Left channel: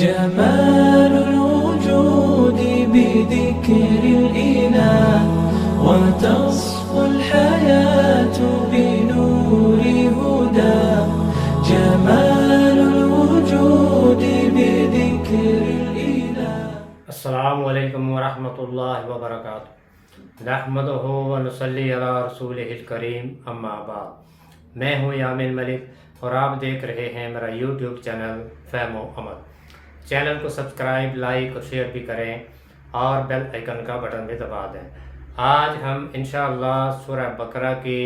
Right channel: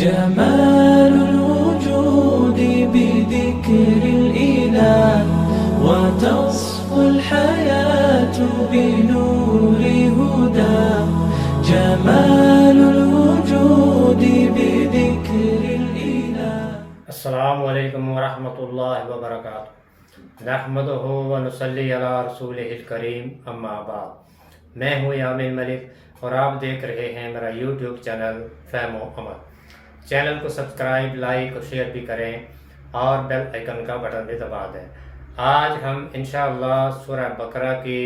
جمال الوجود بذكر الإله وتصفو الحياة بنور هداه. جمال الوجود بذكر الإله. السلام علیکم ورحمۃ اللہ وبرکاتہ. نحمدہ ونصلی علی رسولہ الکریم، اما بعد. میں ہوں یامین ملک اور آپ دیکھ رہے ہیں میرا یوٹیوب چینل فہم و عمل. چینل کو سبسکرائب، لائک اور شیئر بھی کریں اور بیل آئیکن کا بٹن بھی دبا دیں. آج ہم انشاءاللہ سورہ بقرہ کی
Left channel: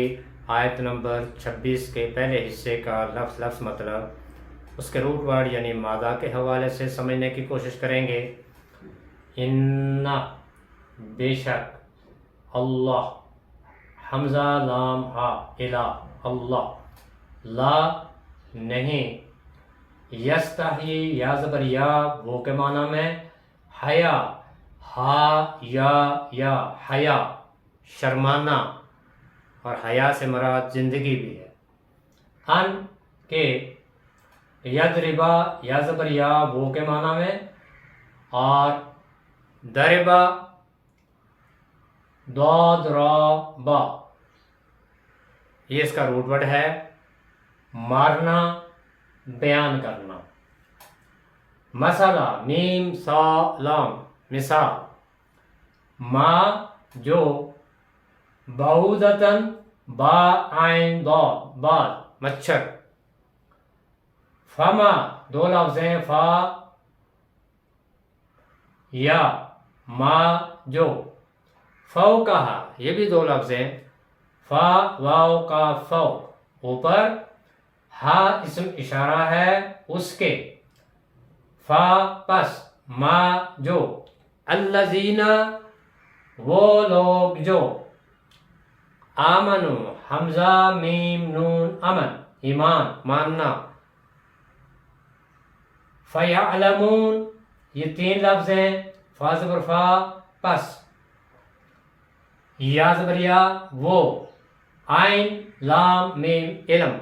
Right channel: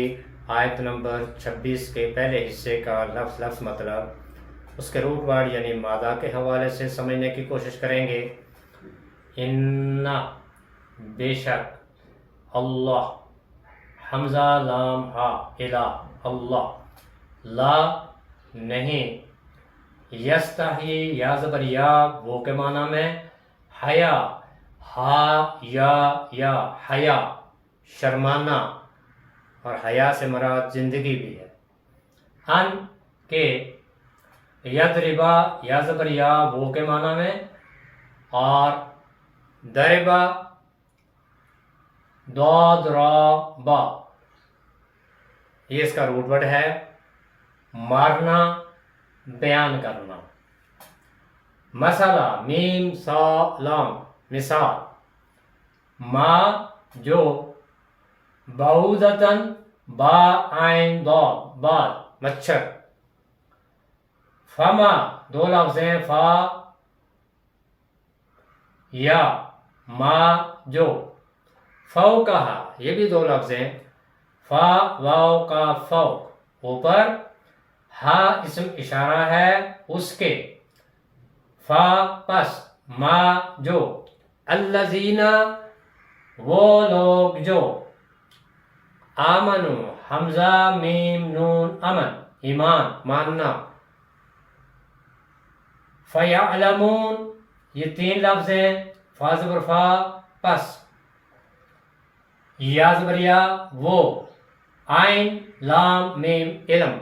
آیت نمبر 26 کے پہلے حصے کا لفظ مطلب اس کے روٹ ورڈ یعنی مادہ کے حوالے سے سمجھنے کی کوشش کریں گے. ان بے شک، اللہ حمزہ لام ہا الہ، اللہ لا نہیں، یستحی یا زبر یا وہ کے معنی میں، حیا ہا یا حیا شرمانا، اور حیا سے مراد زندگی بھی ہے. ان کے یضربا یا زبر یا وہ کے معنی میں، اور دربا ضاد را با یہ اس کا روٹ ورڈ ہے، مارنا، بیان کرنا. مسئلہ میم سا لام مثال، ما جو، بعوضتن با عین ضاد بعد مچھر. فما دو لفظ ہیں، فا یا ما جو. فوقہا یہ بھی دو لفظ ہیں، فا واو کا فوق اوپر، ہا اسم اشارہ ہے اس کے، فا پس، ما جو. الذین وہ لوگ جو، آمنو حمزہ میم نون امن ایمان ماننا. فیعلمون یہ تین لفظ ہیں، فا زبر فا پس، یا زبر یا وہ، عین لام میم علم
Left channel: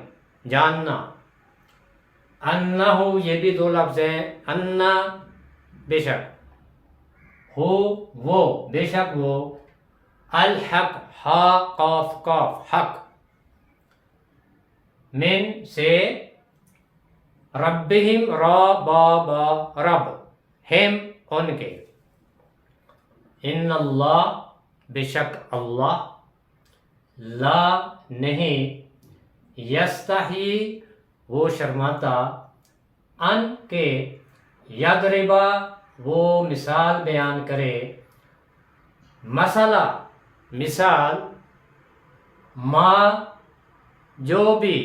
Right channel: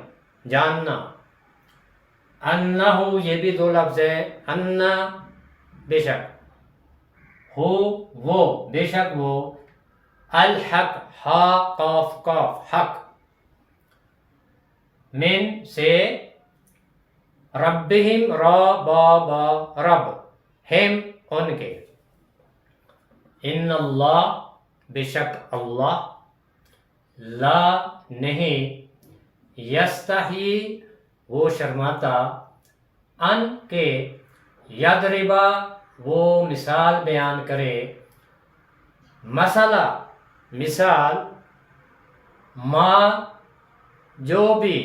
جاننا. انہو یہ بھی دو لفظ ہیں، انا بے شک، ہو وہ بے شک وہ، الحق ہا قاف قاف حق، من سے، ربہم را با با رب، ہم ان کے. ان اللہ بے شک اللہ، لا نہیں، یستحی وہ شرماتا، ان کے، یضربا وہ مثال بیان کرے، مسئلہ مثال، ما جو بھی،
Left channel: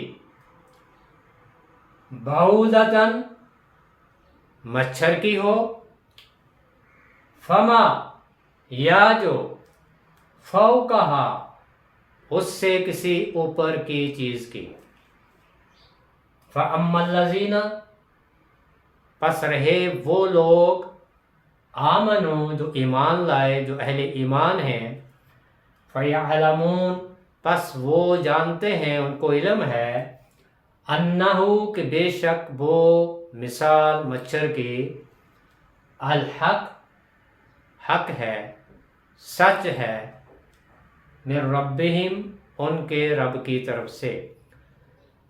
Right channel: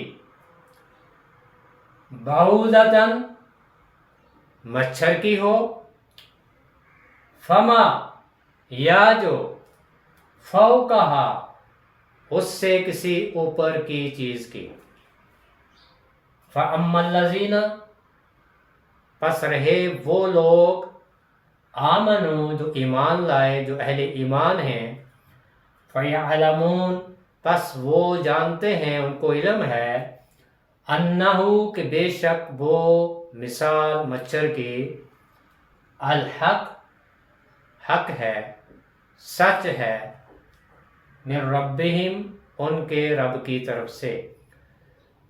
بعوضتن مچھر کی ہو، فما یا جو، فوقہا اس سے کسی اوپر کی چیز کی. فَأَمَّا الَّذِينَ پس رہے وہ لوگ، آمنو جو ایمان لائے، جو اہل ایمان ہیں، فَيَعْلَمُونَ پس وہ جانتے ہیں، ان کو علم ہے، انہو کہ بے شک وہ مثال مچھر کی، الحق حق ہے، سچ ہے، من ربہم ان کے رب کی طرف سے.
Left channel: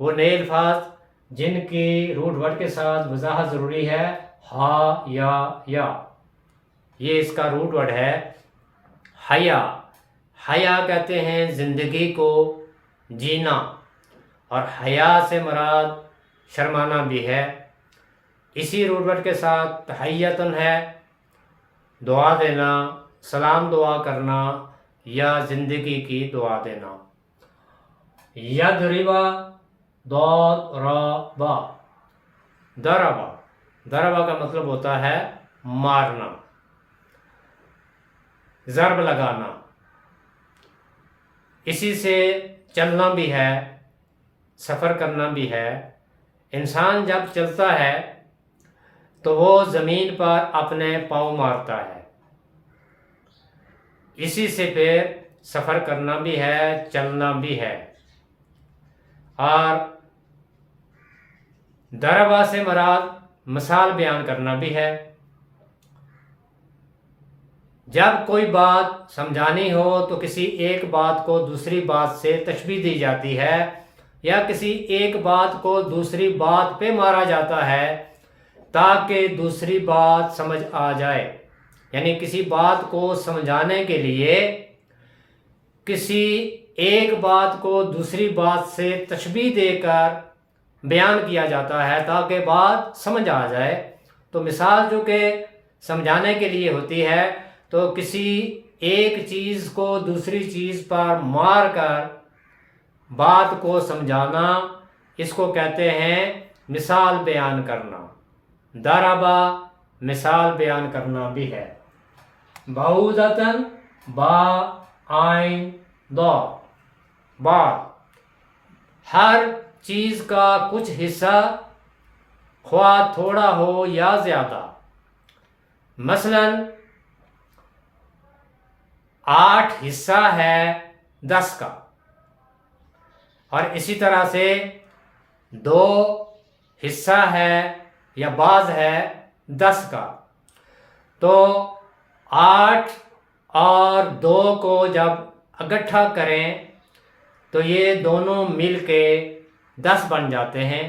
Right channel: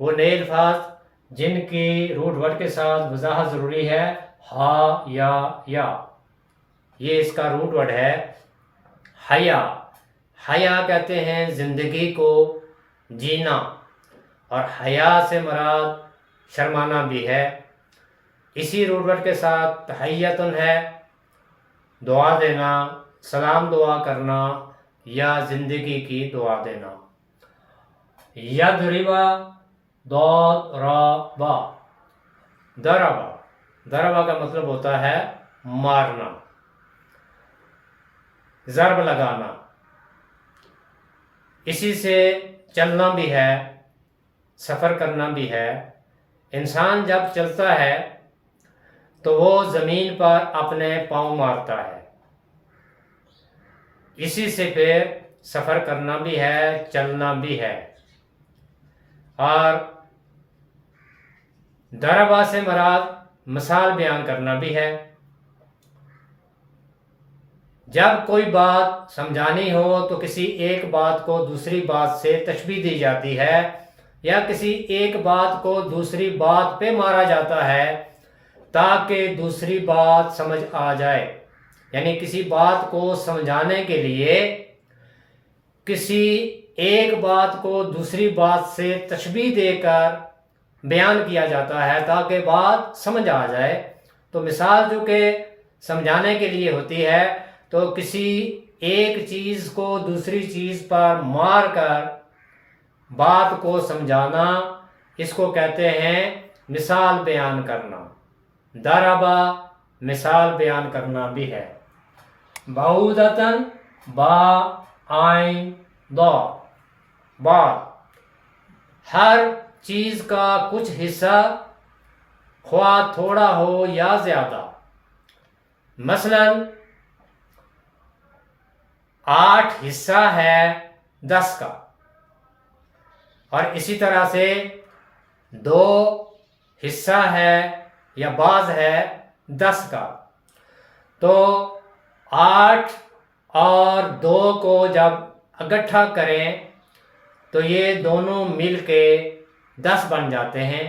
وہ نئے الفاظ جن کی روٹ ورڈ کے ساتھ وضاحت ضروری ہے، ہا یا یہ اس کا روٹ ورڈ ہے حیا. حیا کہتے ہیں زندگی کو جینا، اور حیا سے مراد شرمانا بھی ہے. اسی روٹ ورڈ کے ساتھ تحیتن ہے، دعا دینا، سلام دعا کرنا یا زندگی کی دعا دینا. یضربا ضاد را با، ضربا کا مطلب ہوتا ہے مارنا، ضرب لگانا. اسی سے چلنا بھی ہے، سفر کرنا بھی ہے. انسان جب چلتا ہے تو وہ زمین پر اپنے پاؤں مارتا ہے، اسی سے پھر سفر کرنا بھی ہے، چلنا بھی ہے. اور دربا سے مراد مثال بیان کرنا بھی ہے۔ جب کوئی بات سمجھانی ہو تو کسی ایک بات کو دوسری بات سے تشبیہ دی جاتی ہے، یا کسی ایک بات کو دوسری بات پہ مارا جاتا ہے تاکہ دوسری بات سمجھ آ جائے۔ یعنی کسی بات کو سمجھانے کے لیے کسی ایک بات کو دوسری بات سے تشبیہ دے کر بیان کیا جاتا ہے تاکہ بات سمجھ آ جائے۔ تو مثال جو کہ سمجھانے کے لیے ہوتی ہے، تو کسی ایک چیز کو دوسری چیز پر مار کر بات کو سمجھانا، اس کو کہتے ہیں مثال بیان کرنا۔ ضربہ مثال بیان کرنا بھی ہے۔ بعودتاً با عین دا، بعد ہر چیز کا کچھ حصہ خواہ تھوڑا ہو یا زیادہ۔ مثلاً 8 حصہ ہے 10 کا، اور اسی طرح سے 2 حصہ ہے یا بعض ہے 10 کا۔ تو 8 اور 2 کو جب اکٹھا کریں تو یہ دونوں مل کے 10 بن جاتے ہیں۔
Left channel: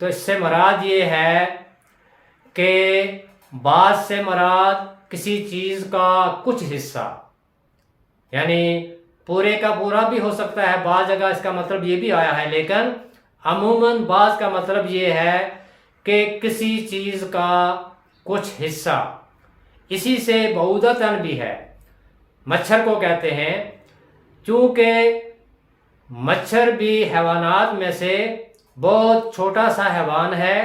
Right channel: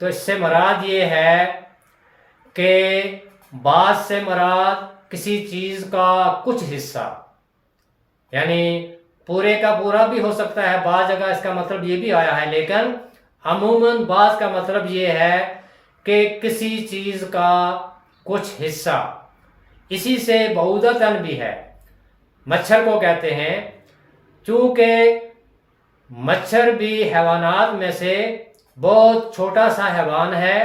تو اس سے مراد یہ ہے کہ بعض سے مراد کسی چیز کا کچھ حصہ، یعنی پورے کا پورا بھی ہو سکتا ہے، بعض جگہ اس کا مطلب یہ بھی آیا ہے، لیکن عموماً بعض کا مطلب یہ ہے کہ کسی چیز کا کچھ حصہ۔ اسی سے بعودتاً بھی ہے، مچھر کو کہتے ہیں، چونکہ مچھر بھی حیوانات میں سے بہت چھوٹا سا حیوان ہے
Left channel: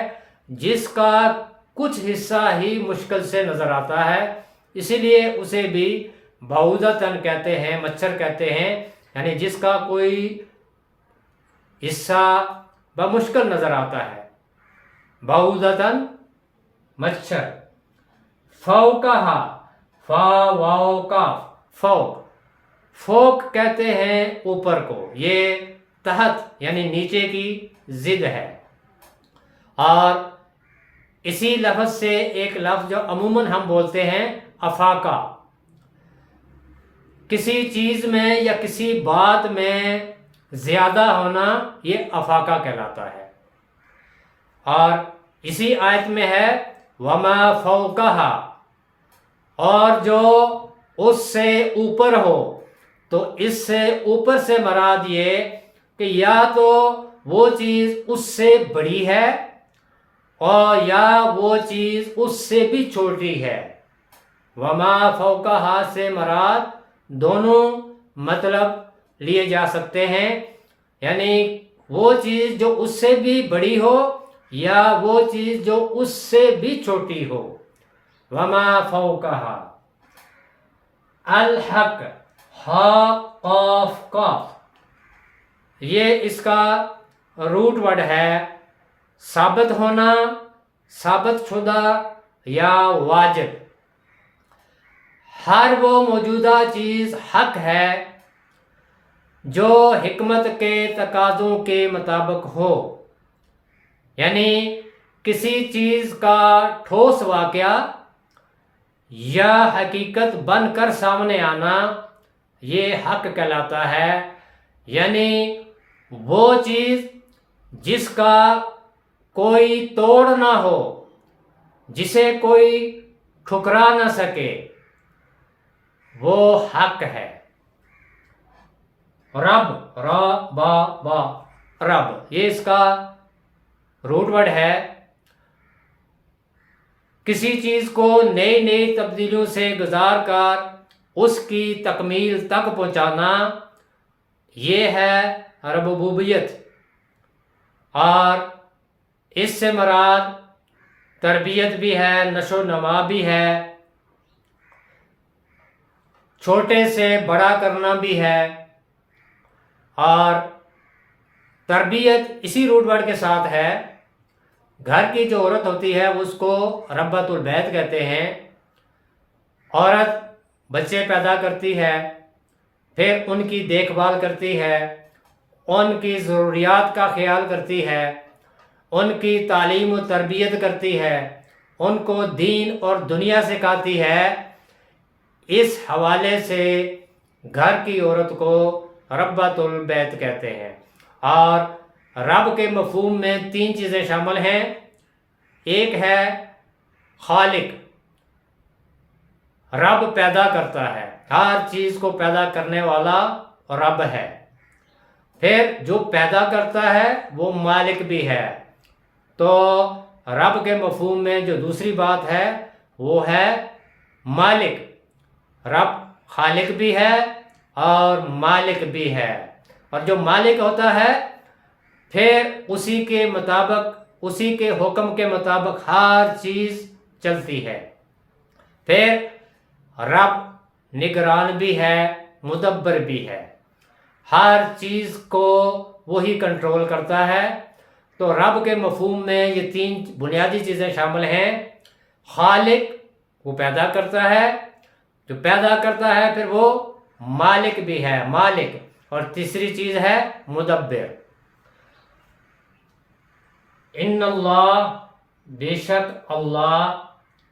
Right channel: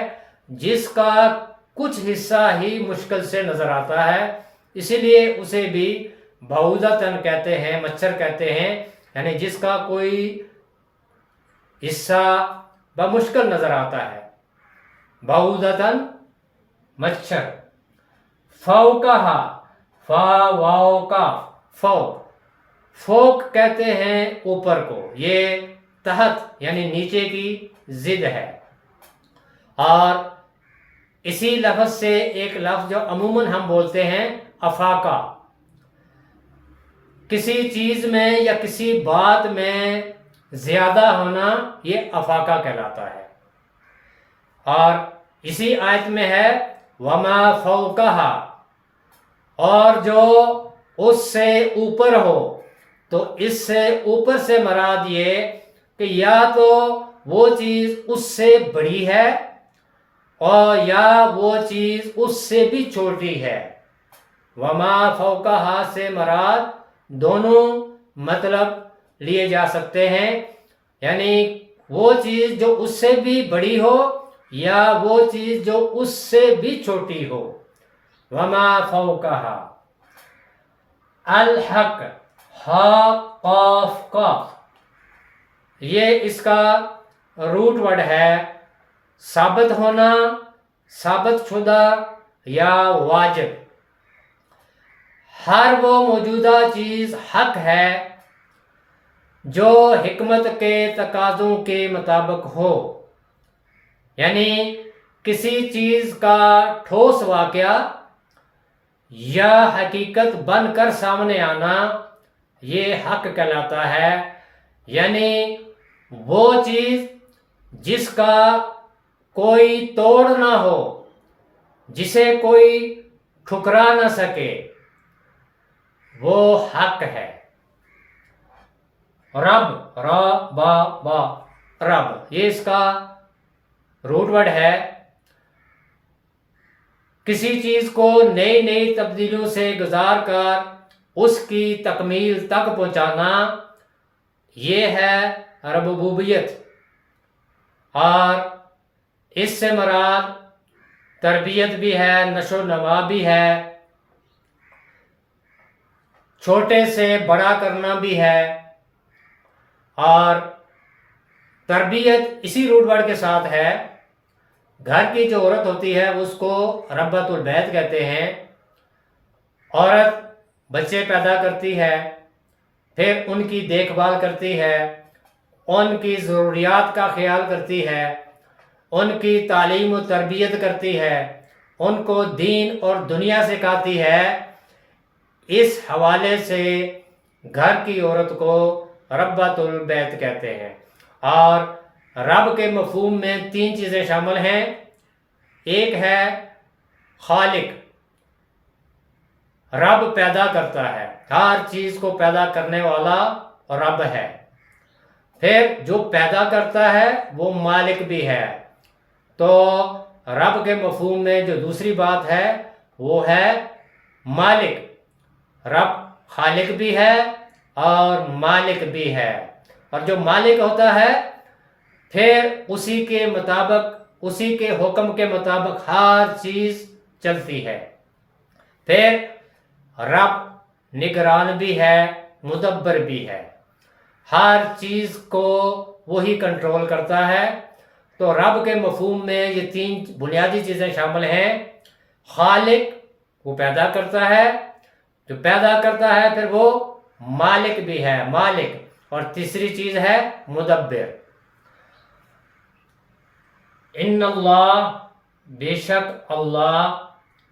جس کا کچھ حصہ ہی مشکل سے نظر آتا ہے، اسی لیے اسے بھی بعودتاً کہتے ہیں، مچھر کہتے ہیں، یعنی جس کا کوئی حصہ بمشکل نظر آتا ہے، بعودتاً مچھر۔ فوقہا، فا واو کا، فوق، فوق کہتے ہیں اوپر کو، یہ تحت یعنی نیچے کی ضد ہے۔ اور اسی لفظ سے ایک لفظ جو عموماً ہم بولتے ہیں افاقہ، کسی چیز میں یا کسی بات میں زیادہ ہونا، یہ افاقہ کہلاتا ہے۔ اور اسی آیت میں ہے وما فوقہا، اور جو اس سے اوپر ہو، تو اس سے اوپر سے مراد یہ کہ یا تو وہ چیز اس سے بڑی ہے اور یا وہ چیز اس سے بھی چھوٹی ہے۔ وما فوقہا سے مراد دونوں مطلب لیے جا سکتے ہیں، یعنی وہ چیز جو اس سے بھی بڑی ہو یا وہ چیز جو اس سے بھی چھوٹی ہو۔ وما فوقہا۔ الحق، ہا قاف قاف، یہ اس کا روٹ ورڈ ہے، ثابت ہونا، ثابت شدہ یا واجب۔ ہر وہ موجودہ چیز حق ہے جو حکمت کے تقاضوں کے مطابق ہو، یعنی کسی چیز کا ٹھوس واقعہ یا حقیقت بن کر سامنے آنا، یہ حق کہلاتا ہے۔ یعنی وہ چیز جس کا کوئی توڑ نہ ہو، جسے کوئی ٹھکرا نہ سکے، وہ حق ہے۔ رب، را با با، رب، یہ اس کا روٹ ورڈ ہے۔ کسی چیز کو نئی نئی تبدیلیوں سے گزار کر اس کی تکمیل تک پہنچانا، یہ ہے ربوبیت۔ اور اس سے مراد تربیت بھی ہے، نشو و نما بھی ہے، چھوٹے سے بڑا کرنا بھی ہے۔ اور تربیت اسی روٹ ورڈ کے ساتھ ہے۔ گھر کی جو عورت ہوتی ہے اس کو ربۃ البیت کہتے ہیں۔ عورت بچے پیدا کرتی ہے، پھر ان کی دیکھ بھال کرتی ہے، ان کی ضروریات کا خیال کرتی ہے، ان کی تعلیم و تربیت کرتی ہے، ان کو دین اور دنیا سکھاتی ہے۔ اس حوالے سے گھر کی عورت کو ربۃ البیت کہتے ہیں۔ اور رب کے مفہوم میں 3 چیزیں شامل ہیں۔ ایک ہے خالق، رب پیدا کرتا ہے، ہر چیز کو پیدا کرنے والا رب ہے۔ پھر جو پیدا کرتا ہے وہ مالک بھی ہے۔ تو رب کے مفہوم میں جو دوسری بات ہے وہ ہے مالک۔ رب خالق بھی ہے اور مالک بھی ہے، اور جو مالک ہوتا ہے پھر اسی کے مطابق، اسی کے حکم کے مطابق ہر چیز چلتی ہے۔ پھر رب نگران بھی ہے، مدبر بھی ہے، ہر چیز کو وہی کنٹرول کرتا ہے۔ تو رب کے مفہوم میں یہ 3 بنیادی چیزیں شامل ہیں۔ خالق، وہ پیدا کرتا ہے، جو پیدا کرتا ہے پھر وہ مالک بھی ہے، مالک، اور تیسری چیز ہے مدبر۔ ان اللہ، بے شک اللہ،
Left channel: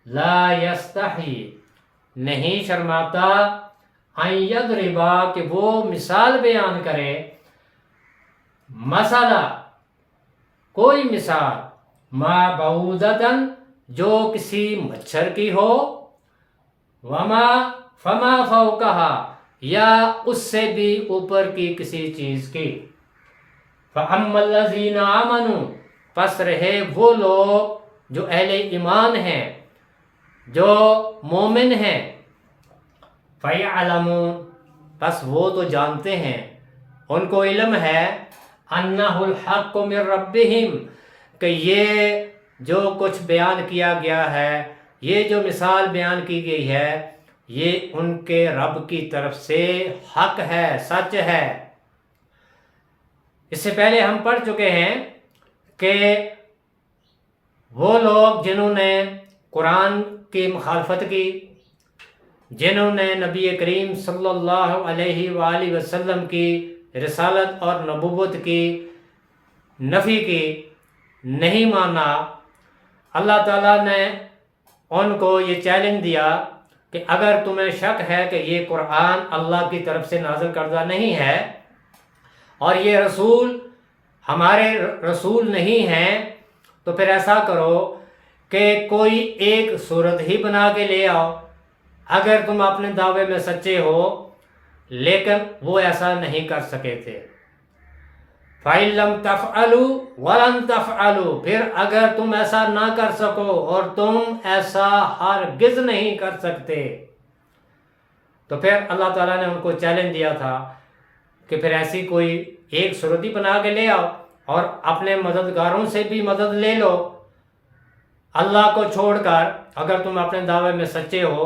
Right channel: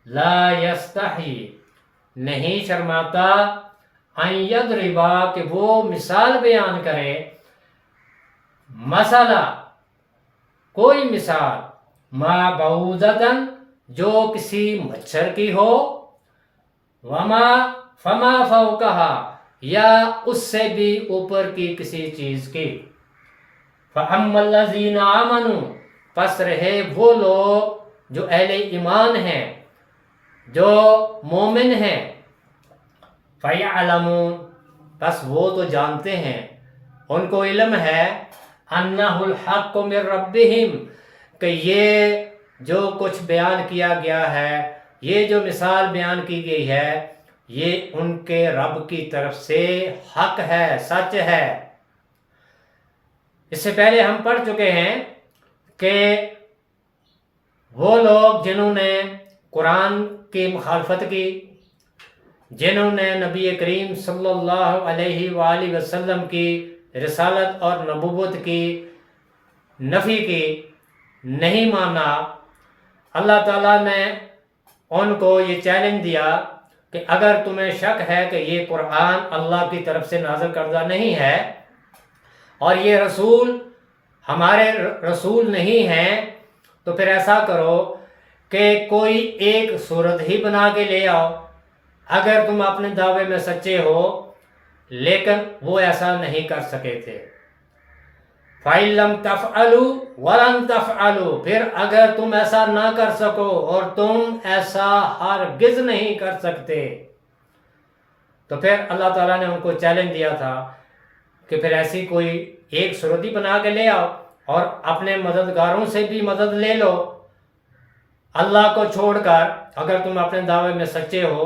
لا یستحی، نہیں شرماتا، ان یضربا، کہ وہ مثال بیان کرے، مسئلہ، کوئی مثال، ما بعوضۃ، جو کسی مچھر کی ہو، وما فما فوقہا، یا اس سے بھی اوپر کی کسی چیز کی، فَأَمَّا الَّذِينَ آمَنُوا، پس رہے وہ لوگ جو اہل ایمان ہیں، جو مومن ہیں، فَيَعْلَمُونَ، پس وہ تو جانتے ہیں، ان کو علم ہے، أَنَّهُ الْحَقُّ مِن رَبِّهِمْ، کہ یہ جو کچھ بیان کیا گیا ہے، یہ جو مثال بیان کی گئی ہے، یہ ان کے رب کی طرف سے حق ہے، سچ ہے۔ اس سے پہلے ہم پڑھ چکے ہیں کہ وہ لوگ جنہوں نے قرآن کی مخالفت کی، جنہوں نے نبی کریم صلی اللہ علیہ وآلہ وسلم کی رسالت اور نبوت کی نفی کی، نہیں مانا، اللہ تعالیٰ نے ان کو یہ چیلنج دیا کہ اگر تمہیں شک ہے کہ یہ قرآن اللہ کی طرف سے نازل کردہ نہیں ہے اور یہ رسول ہمارے رسول نہیں ہیں، تو پھر ایسا کرو کہ کوئی ایک صورت ہی بنا کے لے آؤ اگر تم اپنے دعوے میں سچے ہو۔ لیکن وہ ایسا نہیں کر سکے تھے۔ فَإِن لَمْ تَفْعَلُوا وَلَن تَفْعَلُوا، پھر اگر تم ایسا نہ کر سکو اور تم ایسا ہرگز نہیں کر سکتے، تو پھر اللہ تعالیٰ نے ان کو چیلنج دیا تھا کہ پھر ایسی کوئی ایک صورت ہی بنا کے لے آؤ اور اپنے مددگاروں سے بھی مدد لے لو اللہ کو چھوڑ کر، اگر تم اپنے دعوے میں سچے ہو۔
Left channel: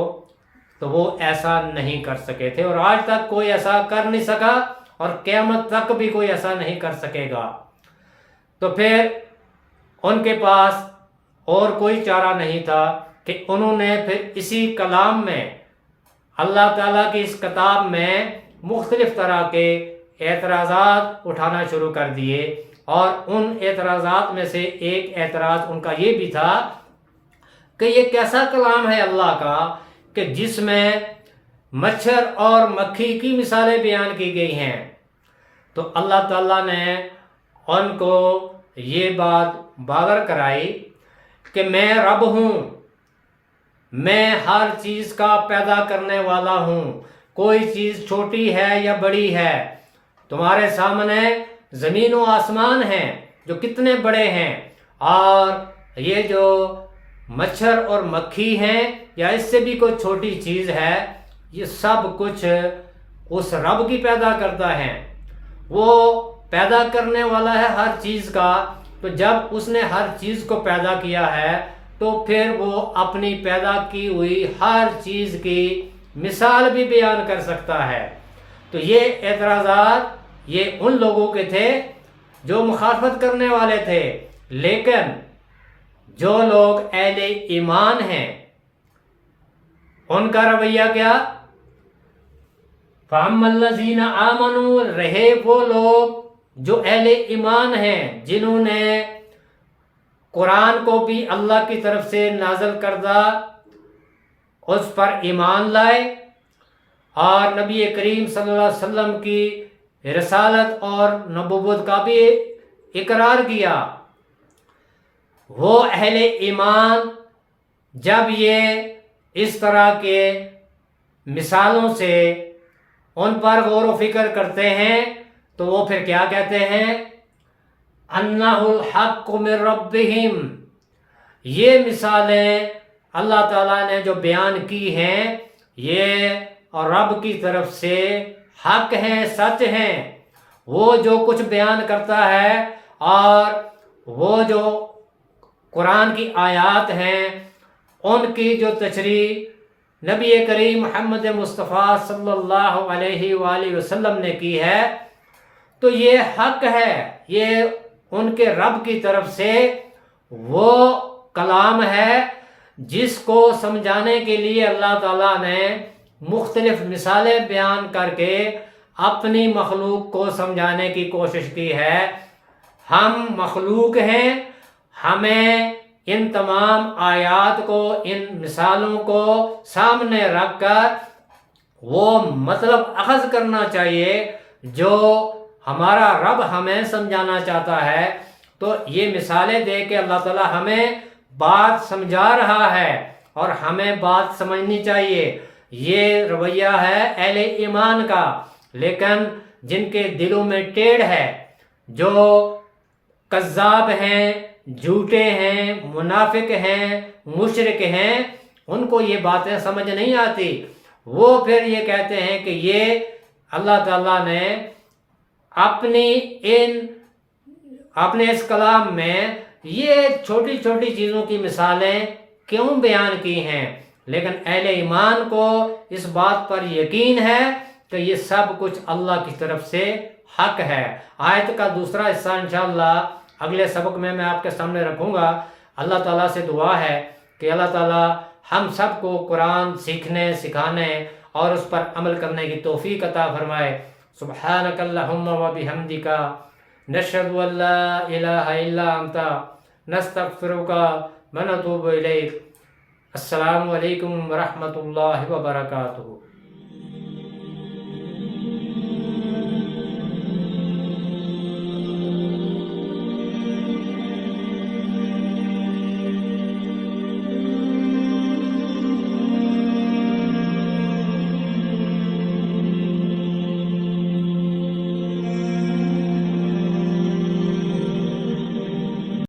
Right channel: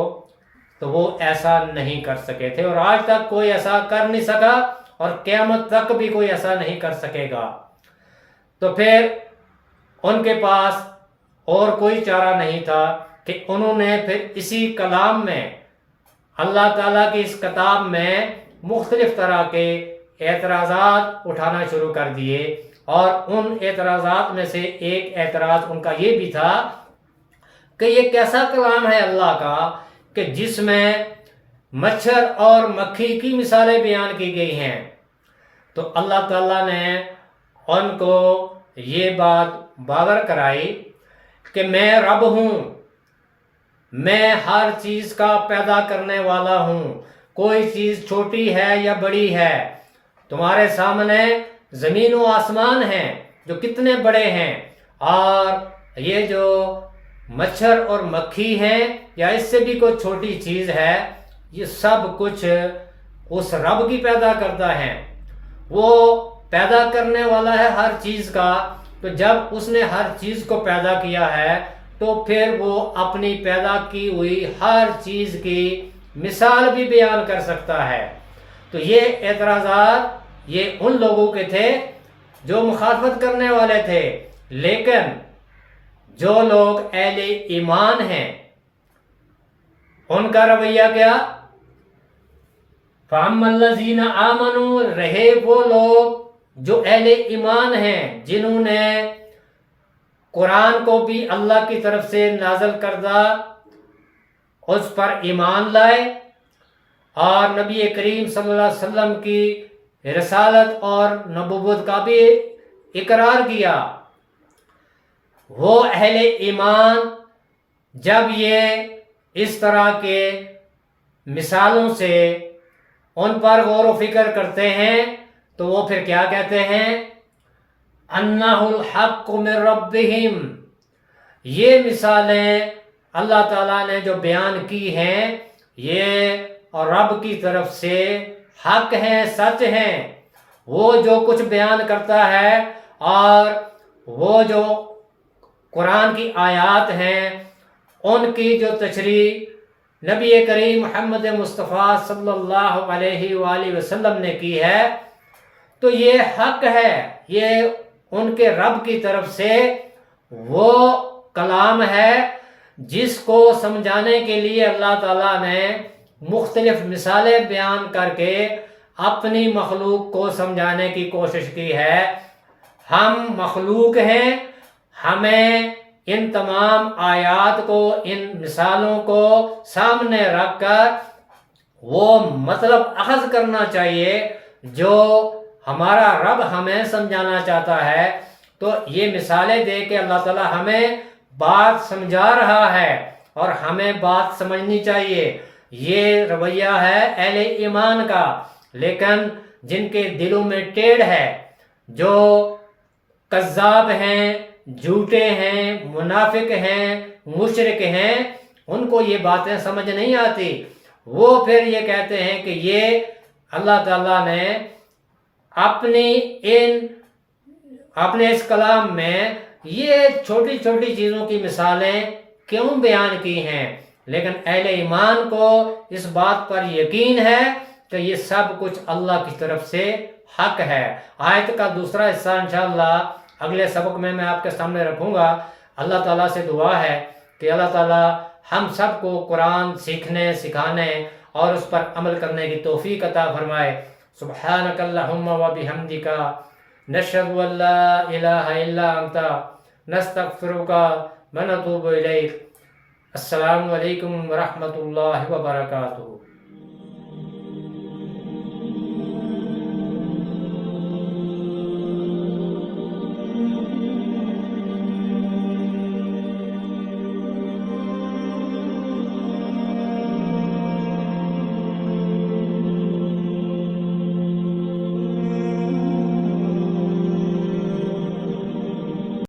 تو وہ ایسا نہیں کر سکے تھے، اور آج تک کوئی ایسا کر نہیں سکا، اور قیامت تک بھی کوئی ایسا نہیں کر سکے گا۔ تو پھر ان کے پاس اور کوئی چارہ نہیں تھا کہ انہوں نے پھر اسی کلام میں، اللہ تعالیٰ کی اس کتاب میں مختلف طرح کے اعتراضات اٹھانا شروع کر دیے، اور ان اعتراضات میں سے ایک اعتراض ان کا یہ بھی تھا کہ یہ کیسا کلام ہے اللہ کا کہ جس میں مچھر اور مکھی کی مثالیں بیان کی گئی ہیں۔ تو اللہ تعالیٰ نے ان کو یہ بات باور کرائی کہ میں رب ہوں، میں ہر چیز کا پیدا کرنے والا ہوں، کوئی چیز چھوٹی ہے یا بڑی ہے، تمہارے سامنے زمین و آسمان ہیں جو کتنے بڑے ہیں، اور یہ جو مچھر اور مکھی ہیں یا اس سے بھی کوئی چھوٹی چیز ہے، یہ سب کچھ اس رب کی پیدا کرتا ہے، وہ پیدا کرنے والا ہے ہر چیز کا۔ تو جب اس نے ہر چیز کو پیدا کیا ہے تو پھر وہ اپنی پیدا کی ہوئی ہر چیز کی مثال بھی بیان کر سکتا ہے۔ تو یہ اعتراضات یہ ان لوگوں کے تھے جو مخالفت کرنے والے تھے، لیکن جو لوگ اہل ایمان ہیں ان کا رویہ کیا؟ فَأَمَّا الَّذِينَ آمَنُوا، رہے وہ لوگ جو اہل ایمان ہیں، جنہوں نے قرآن کو بھی اللہ کی طرف سے نازل کردہ اس پر ایمان لائے اور نبی کریم صلی اللہ علیہ وسلم کی رسالت اور نبوت کا بھی اقرار کیا، وہ اہل ایمان جب یہ اس طرح کے مثالوں سے ان پر غور و فکر کرتے ہیں تو وہ پھر کیا کہتے ہیں؟ انہ الحق من ربہم، یہ مثالیں اللہ تعالیٰ نے جو بیان کی ہیں یہ رب کی طرف سے حق ہیں، سچ ہیں۔ وہ جو کچھ بیان کرتا ہے اور وہ جو قرآن کی آیات ہیں ان کی جو تشریح نبی کریم محمد مصطفیٰ صلی اللہ علیہ وآلہ وسلم نے کی ہے تو یہ حق ہے، یہ ان کے رب کی طرف سے وہ کلام ہے جس کو سمجھانے کے لیے اللہ تعالیٰ نے مختلف مثالیں بیان کر کے اپنی مخلوق کو سمجھانے کی کوشش کی ہے۔ ہم مخلوق ہیں، ہمیں ان تمام آیات کو، ان مثالوں کو سامنے رکھ کر وہ مطلب اخذ کرنا چاہیے جو ہمارا رب ہمیں سمجھانا چاہتا ہے۔ تو یہ مثالیں دے کے اللہ تعالیٰ ہمیں بات سمجھا رہا ہے اور ہمیں بات سمجھنی چاہیے۔ یہ رویہ ہے اہل ایمان کا، لیکن جن کے دلوں میں ٹیڑھ ہے، جو کذاب ہیں، جھوٹے ہیں، منافق ہیں، مشرک ہیں، ان کو یہ باتیں سمجھ نہیں آتی۔ وہ پھر یہ کہتے ہیں کہ یہ اللہ تعالیٰ نے اپنے اس کلام میں یہ چھوٹی چھوٹی چیزوں کی مثالیں کیوں بیان کی ہیں، لیکن اہل ایمان کو اس بات پر یقین ہے کہ یہ سب کچھ اللہ کی طرف سے حق ہے۔ آیت کا دوسرا حصہ انشاءاللہ اگلے سبق میں آپ کے سامنے رکھوں گا۔ اللہ تعالیٰ سے دعا ہے کہ اللہ تعالیٰ ہم سب کو قرآن سیکھنے، سکھانے اور اس پر عمل کرنے کی توفیق عطا فرمائے۔ سبحانک اللہم و بحمدک، نشہد ان لا الہ الا انت، نستغفرک و نتوب الیک۔ السلام علیکم ورحمۃ اللہ وبرکاتہ۔